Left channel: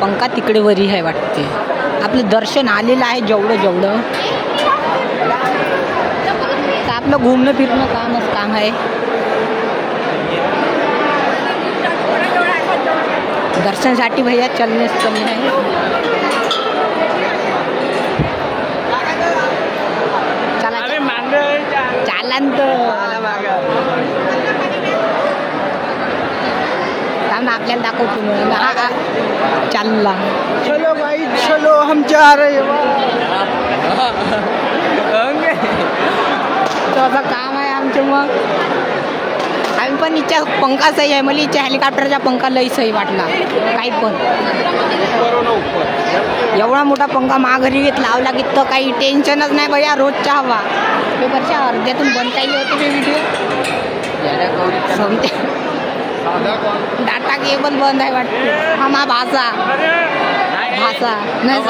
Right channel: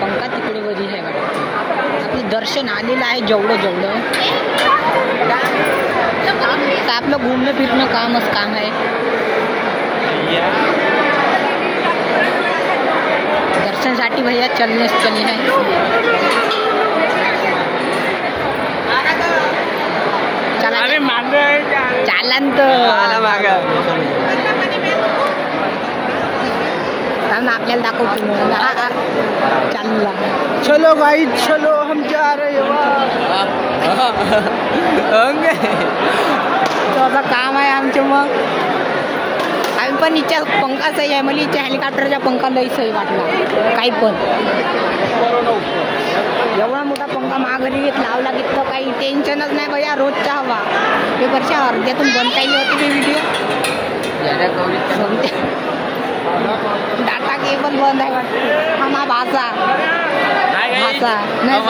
पंखा तिकडे वरी आहे वाटते. आपलं दर्शन आलेलं आहे जेवढं तर आपलं घुमणं फिरणं कामच काम आहे. दर्शनसाठी भैया चलने है. चालन आपल्याला दाखवतो चालला. चलो भाई चलो हम जा रहे असं काम आहे आमचं. मग आम्ही पण इच्छा पंखा सही आहे. मला इच्छा हेलिकॉप्टरचा पंखा लई सही वाटला. काही पण एवढा मोठा पंखा महागरी लावला की तर काही टेन्शनच नाही भैया. रोजचा हवा पेपरच्या अर्ध्यातून बंद केली होती ते व्हिडिओ. डाटा केबल बंद आहे वाटतं. हा मा भाषा नाही.